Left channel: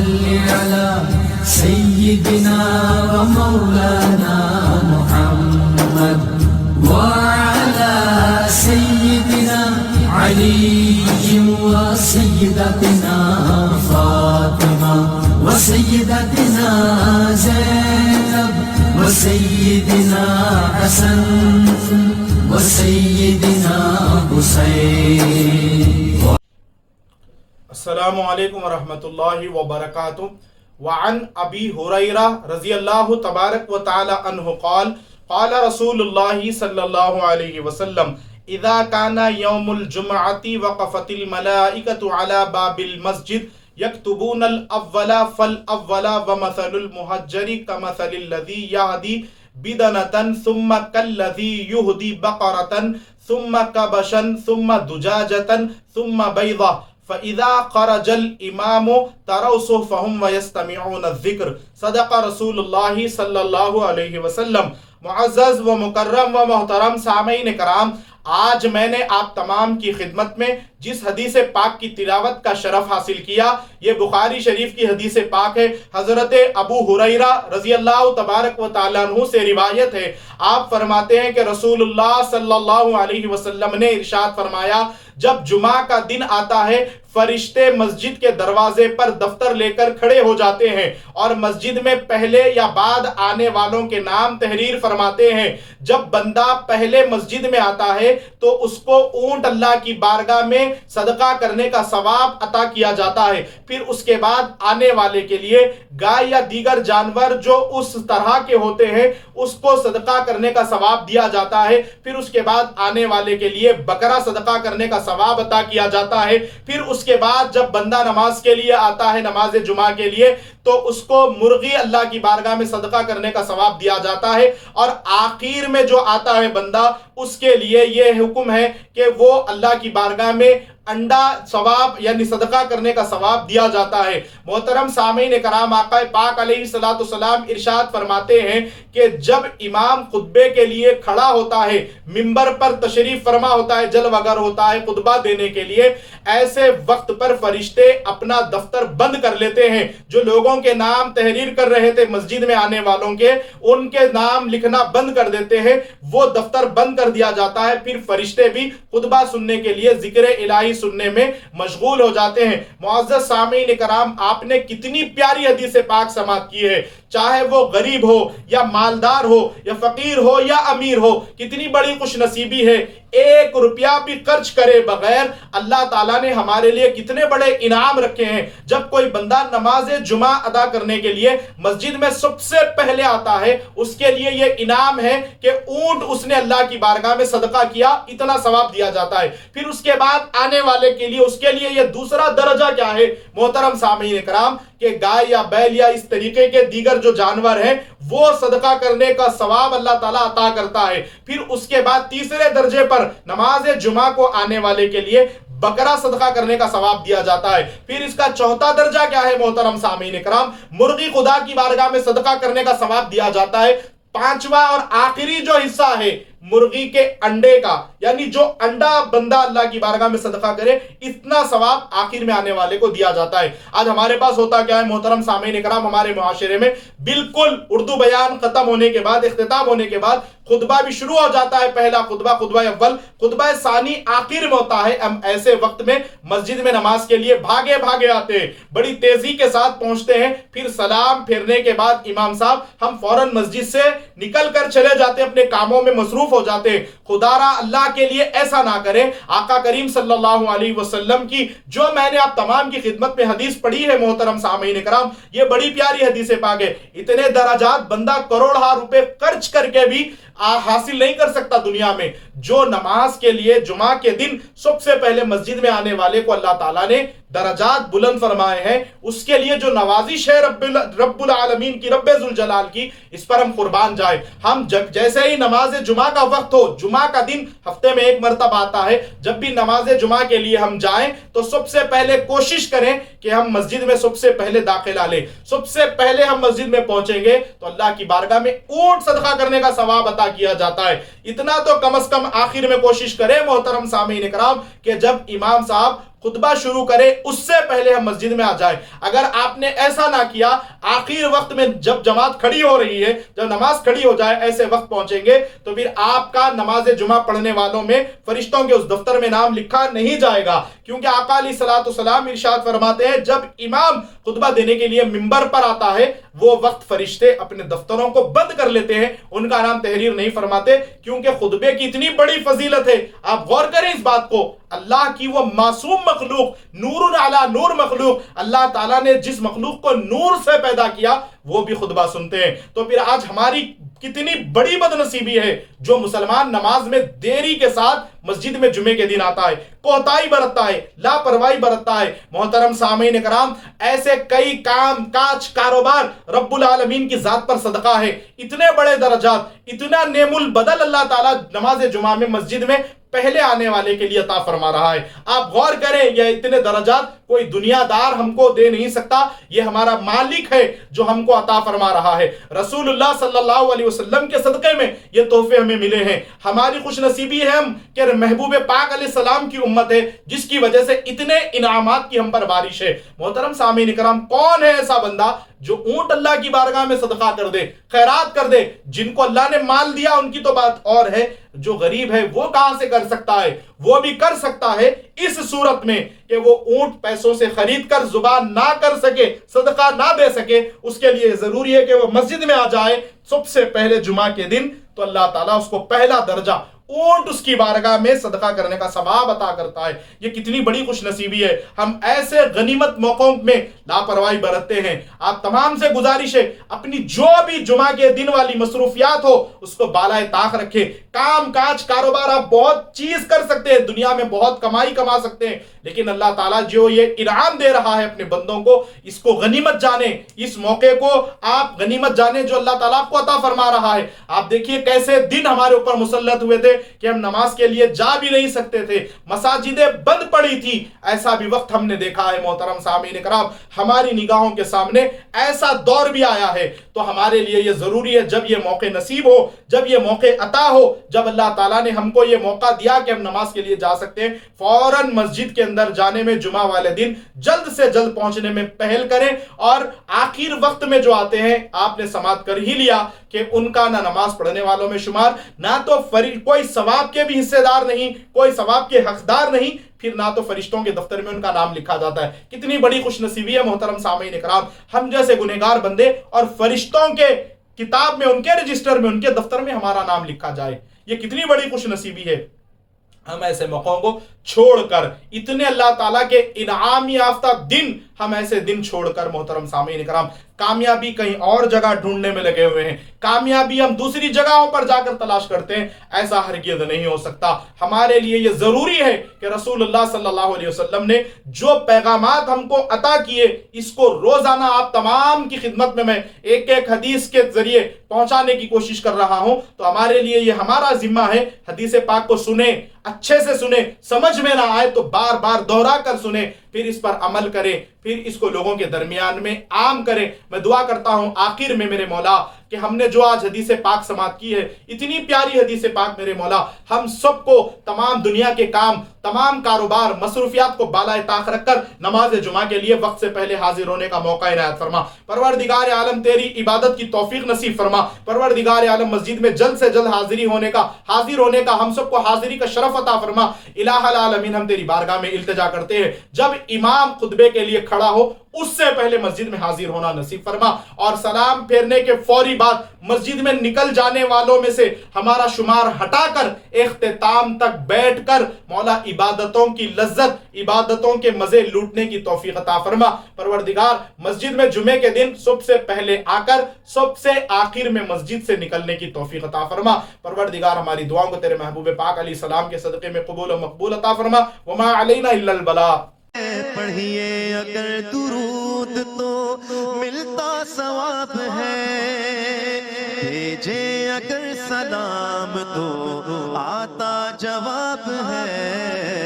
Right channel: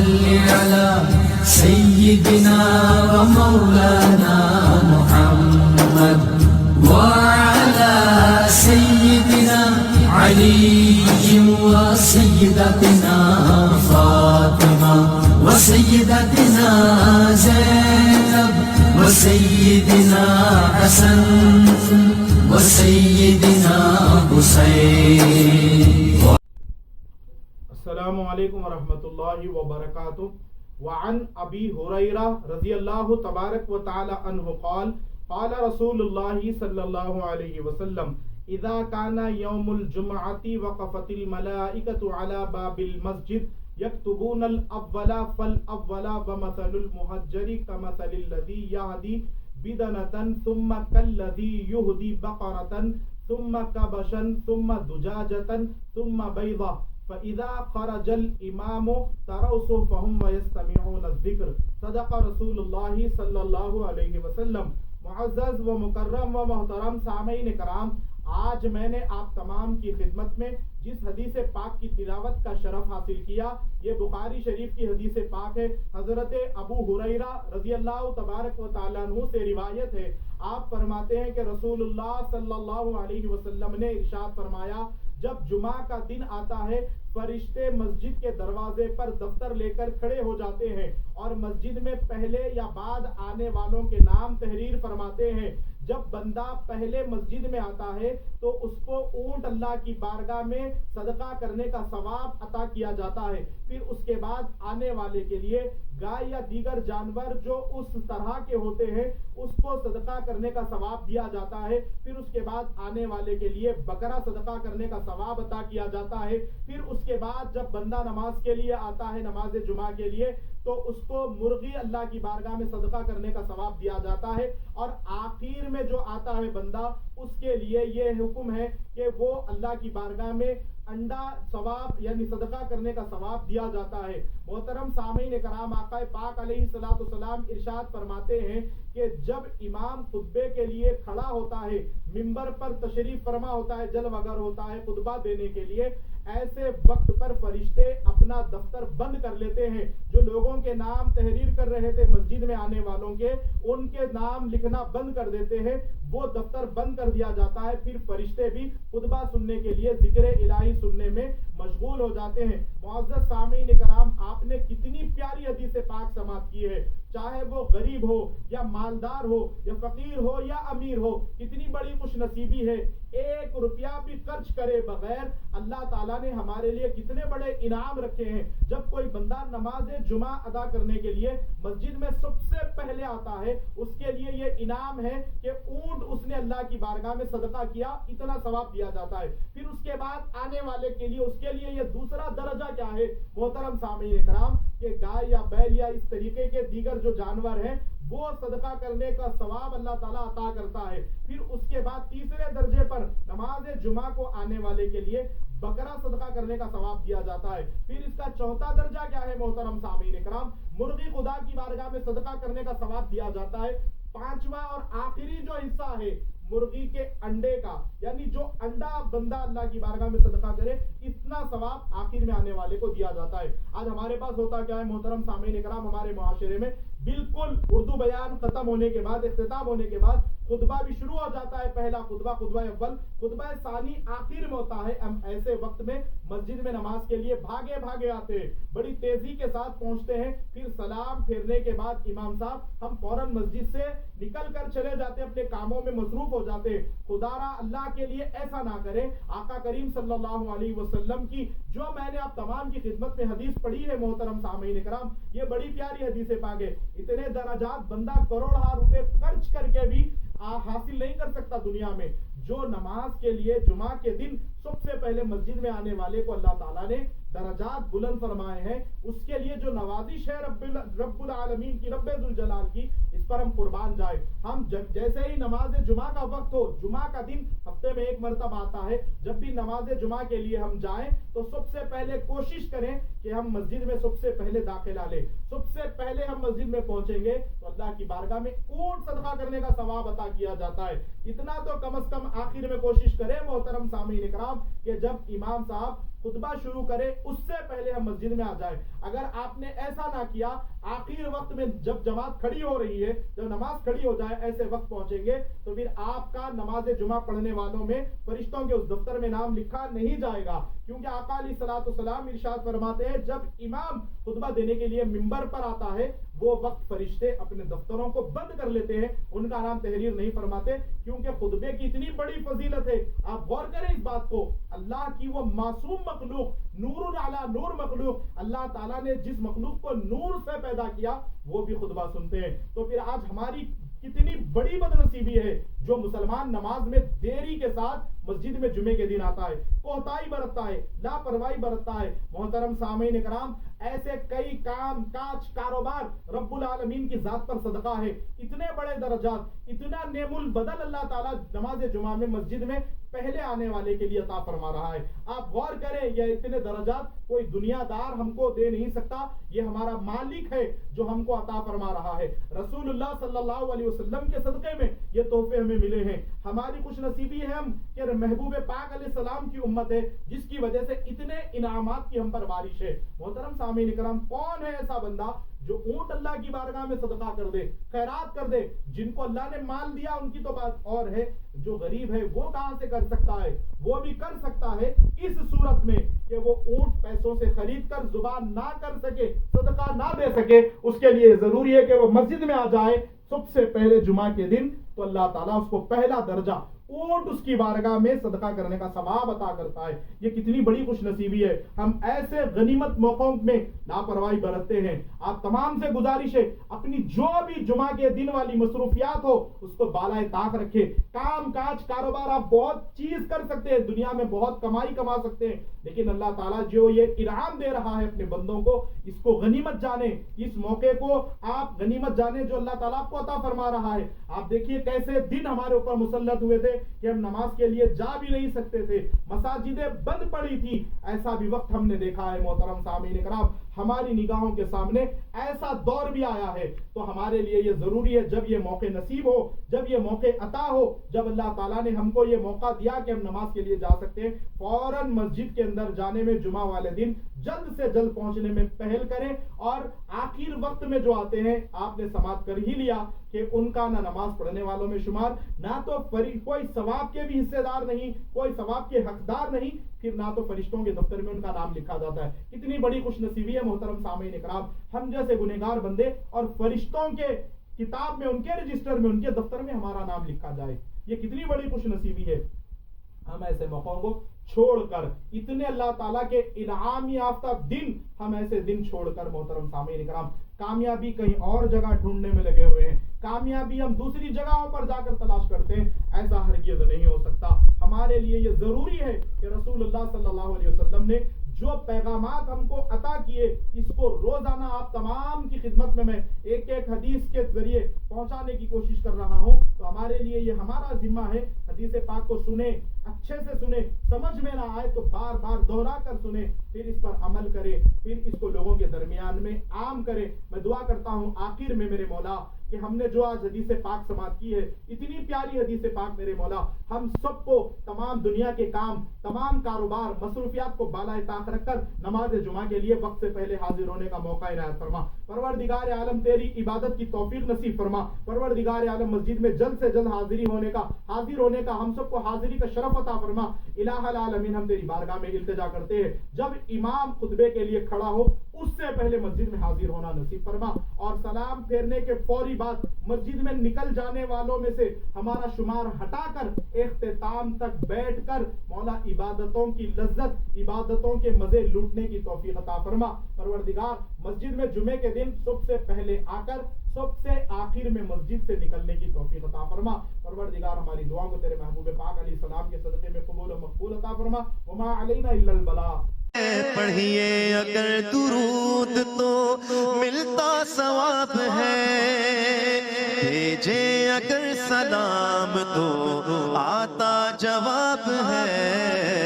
صل على سيدنا ومولانا محمد وعلى سيدنا علي وسيدتنا فاطمة وسيدتنا زينب وسيدنا حسن وسيدنا حسين. السلام علیکم ورحمۃ اللہ وبرکاتہ. وعن ابی ہریرہ رضی اللہ تبارک و تعالی عنہ قال قال رسول اللہ صلی اللہ علیہ وسلم اذا كان يوم الجمعة وقفت الملائكة على باب المسجد يكتبون الاول فالاول ومثل المهجر كمثل الذي يهدي بدنة ثم كالذي يهدي بقرة ثم كبشا ثم دجاجة ثم بيضة فَإِذَا خَرَجَ الْإِمَامُ تَرَوْا صُحُفَهُمْ وَيَسْتَمِعُونَ الذِّكْرَ. صدق رسول اللہ صلی اللہ علیہ وسلم. معزز و مکرم و محترم سامعین کرام، آج میں نے آپ تمام کی خدمت میں جس حدیث پاک کی تلاوت کا شرف حاصل کیا یہ بخاری شریف کی حدیث پاک ہے. حضرت ابو ہریرہ رضی اللہ تبارک و تعالیٰ عنہ سے روایت ہے. آپ فرماتے ہیں کہ رسول اللہ صلی اللہ علیہ وسلم نے ارشاد فرمایا، جب جمعہ کا دن آتا ہے فرشتے مسجد کے دروازے پر دفتر لے کر کھڑے ہو جاتے ہیں اور مسجد میں پہلے یا بعد آنے والوں کے نام تحریر فرماتے ہیں. جب بندہ پہلے مسجد میں آتا ہے تو اس کو اونٹ اللہ کی بارگاہ میں صدقہ کرنے کا ثواب عطا کیا جاتا ہے. پھر اس کے بعد آنے والے کے لیے گائے یا دیگر جانور جو اس طرح کے ہوتے ہیں اس کو صدقہ کرنے کا ثواب دیا جاتا ہے. پھر اس کے بعد آنے والے کے لیے بکرا صدقہ کرنے کا ثواب عطا کیا جاتا ہے. پھر اس کے بعد جب بندہ نماز کے لیے آتا ہے نماز جمعہ کے لیے تو اس کو مرغی اللہ کی بارگاہ میں صدقہ کرنے کا ثواب دیا جاتا ہے. اور آخر میں جو آتا ہے بندہ اس کے لیے یہ حکم ہے کہ وہ اللہ کی بارگاہ میں انڈا ثواب یعنی صدقہ کرنے کا ثواب دیا جاتا ہے. محترم سامعین کرام، آقا پاک علیہ السلام ارشاد فرماتے ہیں کہ جب امام خطبے کے لیے کھڑا ہوتا ہے، منبر پر تشریف فرما ہوتا ہے، جلوہ گر ہوتا ہے خطبہ دینے کے لیے، ایسے وقت پر فرشتے اپنا دفتر بند کر لیتے ہیں. جو لوگوں کے نام تحریر کر رہے تھے مسجد میں آنے والوں کے، ان کے نام لکھنا بند کر دیتے ہیں، وہ دفتر بند کر دیا جاتا ہے. پھر فرشتے بھی خطبہ سننے کے لیے ذکر الہی سننے میں مشغول ہو جاتے ہیں. معزز سامعین کرام، آپ نے کتنی پیاری حدیث پاک سماعت کی ہے. چاہے وہ غریب ہو یا مالدار ہو یا فقیر ہو یا امیر ہو، کتنی بڑی خوش نصیبی ہے. 1 روپیہ بھی خرچ کرے بغیر اللہ تعالیٰ نے ہمارے لیے کتنے بڑے انعام رکھے ہیں. جب کوئی بندہ نماز جمعہ ادا کرنے کے لیے مسجد میں سب سے پہلے آتا ہے اس کے لیے یہ انعام ہے کہ اونٹ اس نے اللہ کی بارگاہ میں صدقہ کیا، اتنا ثواب دیا جاتا ہے. پھر اس کے بعد آنے والے کے لیے اس کے لیے یہ دوسرا درجہ کیا ہے محترم سامعین کرام کہ گائے یا بیل یا اس طریقے کے دیگر جو جانور ہیں وہ صدقہ کرنے کا ثواب اللہ تعالیٰ عطا کرتا ہے. پھر اس کے بعد تیسرے درجے پر نماز جمعہ کو آنے والے کے لیے بکرا صدقہ کرنے کا ثواب دیا جاتا ہے. پھر اس کا چوتھا درجہ کیا ہے محترم سامعین کرام؟ مرغی خدا کی بارگاہ میں صدقہ کرنے کا ثواب دیا جاتا ہے. پانچواں اور آخری جو حصہ ہے مرغی کے انڈے کا، یعنی جو انڈا بندہ اللہ کی بارگاہ میں صدقہ کرے اتنا ثواب آخر میں آنے والے کو دیا جاتا ہے. آج ہمارے پاس ہوتا کیا ہے محترم سامعین کرام، ہمارے معاشرے میں بالکل اردو بیان ختم ہونے کے بعد، اختتام ہونے کے بعد خطبہ بھی شروع ہو جاتا ہے. پہلا خطبہ، خطبہ اول، خطبہ ثانی آخر میں ہوتا ہے. ہم ایسے وقت میں مسجد میں نماز کے لیے بھاگے بھاگے آتے ہیں، بڑی تیزی کے ساتھ پہنچتے ہیں. پھر سلام پھیرنے کے بعد امام صاحب ہم فوراً مسجد سے نکل کر چلے جاتے ہیں، اپنے کاموں میں مصروف ہو جاتے ہیں. خدا را اللہ کے لیے ایسا نہ کریں. آقا کریم صلی اللہ علیہ وسلم کی جو میں نے آپ تمام کی خدمت میں حدیث پڑھی ہے محترم سامعین کرام، یہ بڑی پیاری حدیث پاک ہے. اتنے درجات بندہ کروڑہ روپے خرچ کر کے بھی حاصل نہیں کر سکتا دنیا میں. جو نماز کے لیے جمعہ کے دن سب سے پہلے مسجد میں آنے والے کو اللہ تعالیٰ نے درجات بلند فرمائے ہیں، اس کے لیے جو نوازش ہے رب العالمین کی، رب ذوالجلال کی، اس پر ہم قربان جائیں. ہم جیسے ہی نماز جمعہ کا وقت ہو، جمعہ کا دن ہفتے میں 1 مرتبہ آتا ہے، جب بھی نماز جمعہ کے لیے ہم جائیں تو سب سے پہلے کوشش کریں کہ ہم مسجد میں سب سے پہلے داخلہ لیں. سب سے پہلے ہم مسجد میں پہنچیں گے تو اللہ کی بارگاہ میں اونٹ صدقہ کرنے کا ثواب عطا کیا جاتا ہے. اتنا تو کم از کم آخر میں کوشش کریں محترم سامعین کرام کہ جب امام صاحب خطبہ شروع کرے اس سے پہلے ہم مسجد میں آ جائیں. اگر آپ نے ایسا نہ کیا، آخر وقت میں جب جماعت کھڑی ہو رہی ہے، جب نماز کھڑی ہو جائے، ایسے وقت پہنچیں گے تو پھر آپ کا نماز جمعہ پڑھنے والوں میں فرشتوں کے اس دفتر میں نام لکھا نہیں جائے گا. کیونکہ آقا علیہ الصلوۃ والسلام ارشاد فرماتے ہیں جب امام خطبہ دینے کے لیے منبر پر آتا ہے وہ وقت فرشتے اپنے دفتروں کو بند کر لیتے ہیں، ان کا نام تحریر نہیں فرماتے، کیونکہ خطبے کی اتنی بڑی فضیلت ہے. آپ غور کریں اس بات کو، اللہ کی وہ معصوم مخلوق، نور علی نور مخلوق، اللہ تعالیٰ نے جس مخلوق کو نور سے پیدا کیا وہ بھی خطبہ سنتے ہیں. تو پھر آج ہماری کتنی بڑی بد نصیبی ہے جو مسلمان نماز میں دیری کے ساتھ مسجد میں جمعے کے دن آتا ہے، کوتاہی برتتا ہے، لاپرواہی برتتا ہے. محترم سامعین کرام، ایسے کئی کام کاج کاروبار رب العالمین کی ذات پر صدقہ ہے. اتنے بڑے درجات، اتنا نعم البدل اللہ تعالیٰ نماز جمعہ میں مسجد میں پہلے آنے والے کے لیے عطا فرما رہا ہے. آپ غور کریں، یہ اتنے درجات کوئی دنیا دار ہم کو دے نہیں سکتا، یہ ہمارا مالک ہے جو ہم کو عطا فرما رہا ہے. رسول اللہ صلی اللہ علیہ وسلم کے صدقے میں یہ تحفے ہمیں ملے ہیں. ہماری خوش نصیبی ہے ہم کہ محبوب پاک علیہ السلام کی امت ہے جس کی وجہ سے اتنے انعامات کی ہم پر بارش ہے. محترم سامعین کرام، کون ہے ایسا بندہ جو اونٹ اللہ کی بارگاہ میں صدقہ کر دے، خیرات کر دے؟ جن کو اللہ نے مال دیا ان کی تو بات اور ہے، جو غریب ہے وہ کہاں سے کر سکتا ہے؟ وہ بھی کر سکتا ہے اس صورت میں کہ وہ اونٹ پیسوں سے خرید کر زبان نہ کر سکے، صدقہ نہ دے سکے. اس کے لیے ضروری ہے کہ وہ مسجد میں آ جائے سب سے پہلے جمعہ کے دن، تو اللہ تعالیٰ اس کو پہلا درجہ اونٹ اس کی بارگاہ میں صدقہ کرنے کا ثواب عطا کرتا ہے. یہ کتنی بڑی خوش نصیبی ہے. ہم ایسے غنیمت موقعوں میں لاپرواہی برتتے ہیں. آپ تمام سے گزارش ہے اپنی جو بھی جمعہ کے دن والی مصروفیات ہو اس کو بالائے طاق رکھے. کام کاج کاروبار آپ بہت چیز کر سکتے ہیں، دنیا میں بہت کمائی کما سکتے ہیں، لیکن اللہ تعالیٰ جو یہ انعام دے رہا ہے اپنے بندوں کو، اس کو غنیمت جانے، اس موقع کو آپ غنیمت جانے جو اللہ تعالیٰ آپ کو عطا فرما رہا ہے. آپ دیکھیے کیسے دن ہمارے اوپر مسلط ہوئے تھے کہ ہم نماز کے لیے جا بھی نہیں سکتے تھے، مساجدیں بند پڑی تھی. ایسا بھی وقت ہم نے دیکھا ہے. محترم سامعین کرام، ہماری نگاہوں کے سامنے ایسا دور بھی آیا ہے. تو ہمارے لیے یہ ضروری ہے جب یہ موقع نصیب ہو، جب یہ موقع عطا ہو، جب اللہ تعالیٰ نے ہم کو یہ موقع دیا کہ ہم نماز کے لیے جا سکتے ہیں، فوراً مسجد کے اندر جانے میں جمعہ والے دن جلد سے جلد پہنچنے میں پہل کریں. اور آخر وقت میں جو آتے ہیں، آپ نے سماعت کر ہی لیا کہ ان کا نہ نماز پڑھنے والوں میں شمار، نہ تو کوئی ثواب کے بھی حصے دار نہیں، کوئی ثواب کے حقدار نہیں، پھر نہ تو فرشتوں کے دفتر میں ان کا نام لکھا جاتا ہے. کتنی بڑی خوش نصیبی ہے محترم سامعین کرام. ہم جیسے گنہگار بندے اور فرشتوں کے کتاب میں، ان کے رجسٹر میں، ان کے دفتر میں ہمارا نام لکھا جائے، یہ کتنی بڑی خوش نصیبی ہے. ہم ایسے موقعوں کو چھوڑ کر، اتنے اللہ تعالیٰ کے انعام یافتہ دن، ہم ایسے دن چھوڑ کر محترم سامعین کرام کامیابی کہیں اور جگہ ڈھونڈنے میں لگے ہوئے ہیں. کامیابی ہم دوسری جگہوں پر جا کر تلاش کرتے ہیں. ایسا ہرگز نہیں ہو سکتا. ہمارے لیے یہ ضروری ہے کہ رسول اللہ صلی اللہ علیہ وسلم نے جو پیغامات ہم کو عطا کیے، اس کو روزانہ آپ تمام کی خدمت میں ایک ایک حدیث کے ذریعے پہنچانے کی کوشش کر رہا ہوں. تو ہمارے لیے یہ ہمارا ذمہ ہے، حدیث پاک کو سنیں، اچھے سے سنیں، سمجھ میں نہ آئے تو بار بار دوہرا کر سنیں، پھر اس پر عمل کریں، پھر اس کو لوگوں کے درمیان میں عام کریں. میں دعا کرتا ہوں آخر میں میرے مولا کہ ہم نے جو آج حدیث پاک سماعت کی ہے، اتنی پیاری حدیث پاک میرے مولا ہم سب کو تمام دنیا کے کام، تمام کاروبار، مصروفیات کو بالائے طاق رکھ کر نماز جمعہ کے لیے وقت سے پہلے حاضر ہونے کا موقع عنایت فرما. پروردگار عالم تیری عبادت کی توفیق نصیب فرما. پروردگار عالم مسجد میں جلد سے جلد حاضر ہونے کا ہم سب کو حاضری کا شرف عطا فرما. الہ العالمین، ہم تیری بارگاہ میں التجا کرتے ہیں، جب امام خطبے کے لیے کھڑا ہو اس سے پہلے مسجد میں حاضر ہونا نصیب فرما. اور سلام پھیرنے کے فوری بعد مسجد میں نکل جانے والوں میں سے ہمارا شمار ہٹا کر اختتام تک بیٹھ کر مولا عبادتوں کی لذت، عبادتوں کے مزے لوٹنے کی توفیق عطا فرما. پروردگار مسجد میں جمعے کے دن سب سے پہلے آ کر سب سے آخر میں مسجد سے نکلنے کی توفیق عطا فرما. پروردگار ہماری دعاؤں کو تیرے محبوب پاک علیہ السلام کے صدقے میں قبول و مقبول عطا فرما. وما علینا الا البلاغ. پڑھیے اگر درود تو ملتا ثواب ہے، بھیجے اگر سلام تو آتا جواب ہے.